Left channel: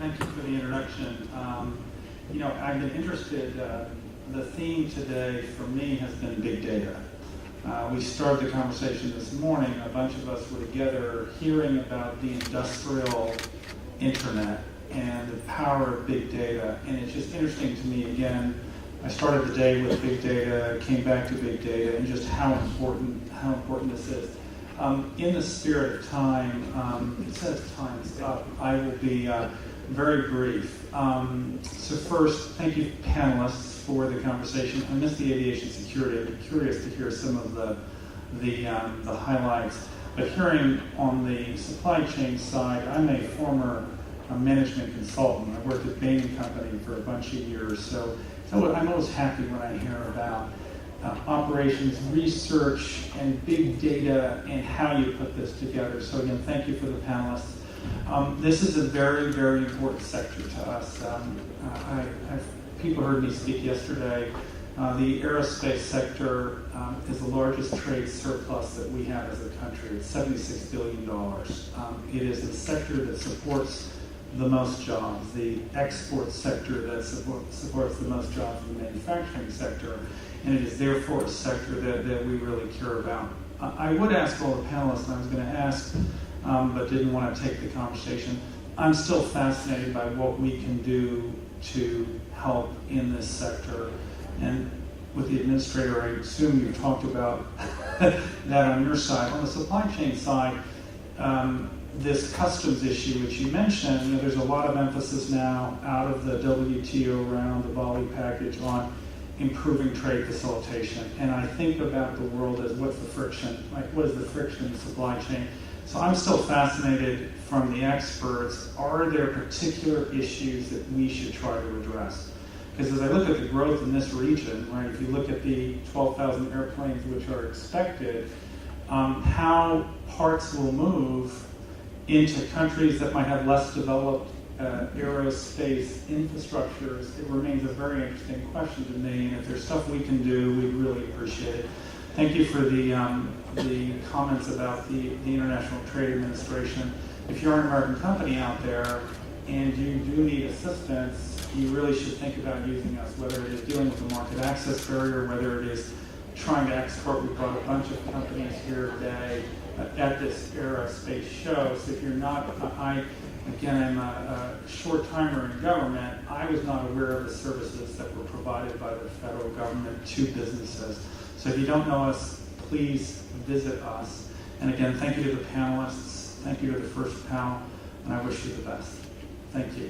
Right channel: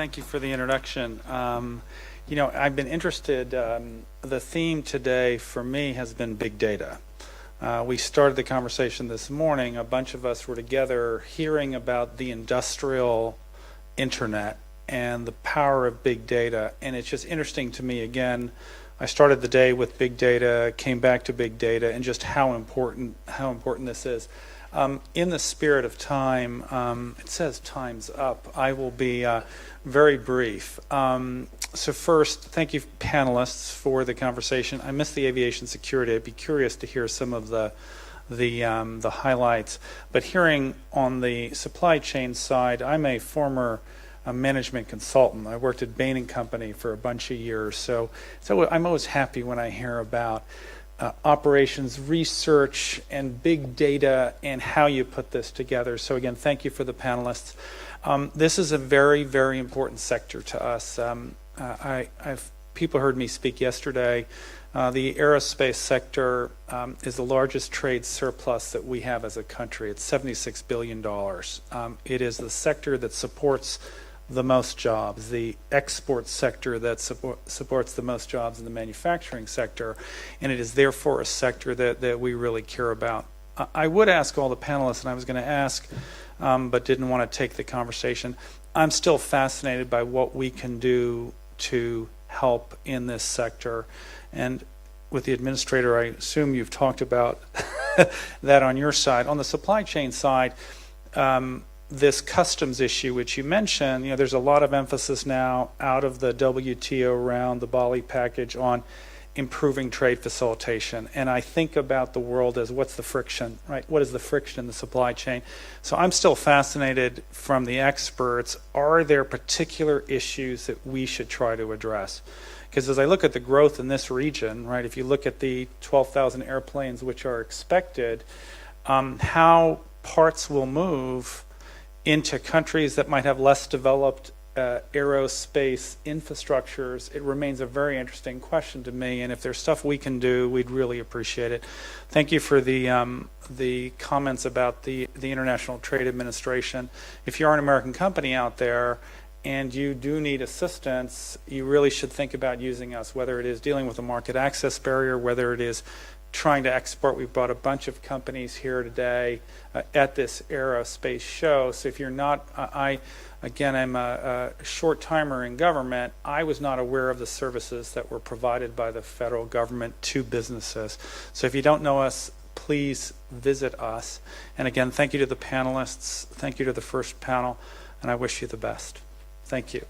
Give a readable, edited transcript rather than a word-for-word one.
Thank you for the introduction. I've been interested, the theme today for me has been big data. We started the conversation this morning, a bunch of us were together hearing about the industrial internet and the power of big data, and it's just interesting to me, again, I started the day with big data, came back to big data, and just how important this is. In the spirit of time, it says time's up. I will be very brief. So first, thank you panelists for the conversation. I missed the aviation security. I'd be curious to hear some of the highlights. But hearing on the supply chain side, I'm a former management consultant. I worked at Bain & Company for a bunch of years. So I'm always happy when I hear about operations research and big data and how you put this together. So again, thank you for the panelists. This is a very, very important sector to us. People heard me speak yesterday. The aerospace sector is the largest trade surplus that we have as a country. It's $76 billion. It is the sector that supports the most jobs, the export sector that supports the most jobs in the manufacturing sector, and it is therefore a sector that we really care about. I would ask all the panelists, and I was going to ask, but didn't want to take the conversation. I'm still fascinated by what we can do to help in this sector. And with the administrator, I assume you've talked about that on your side. On the supply chain side, this customs issue, which you mentioned, there's a lot of emphasis now out of the WTO round, the Bali package, on improving trade facilitation. And I think about the world as what's the friction, right? What is the friction in the supply chain? So I'm still fascinated from the experts, are there particular issues that we should try to address? Because as I look at the growth in this region, right, if you look at the 12,000 airplanes which are expected, how parts will move into countries that might have less developed aerospace infrastructures, it remains a very interesting question to me, and if there's stuff we can do, we'd really appreciate it. Thank you for the comments about the International Trade Administration. If you're an American company out there and you do need assistance, you really should think about using us, whether it is dealing with the market access barrier, whether it is trying to export. We brought a bunch of companies here today at this aerospace show. So if you're not, I'm a short timer in government. I was not aware of the services that were provided by the federal government to businesses. So if you don't know us, please visit us. And again, thank you to the panelists. Thank you to the first panel. And I wish you the best. Thank you.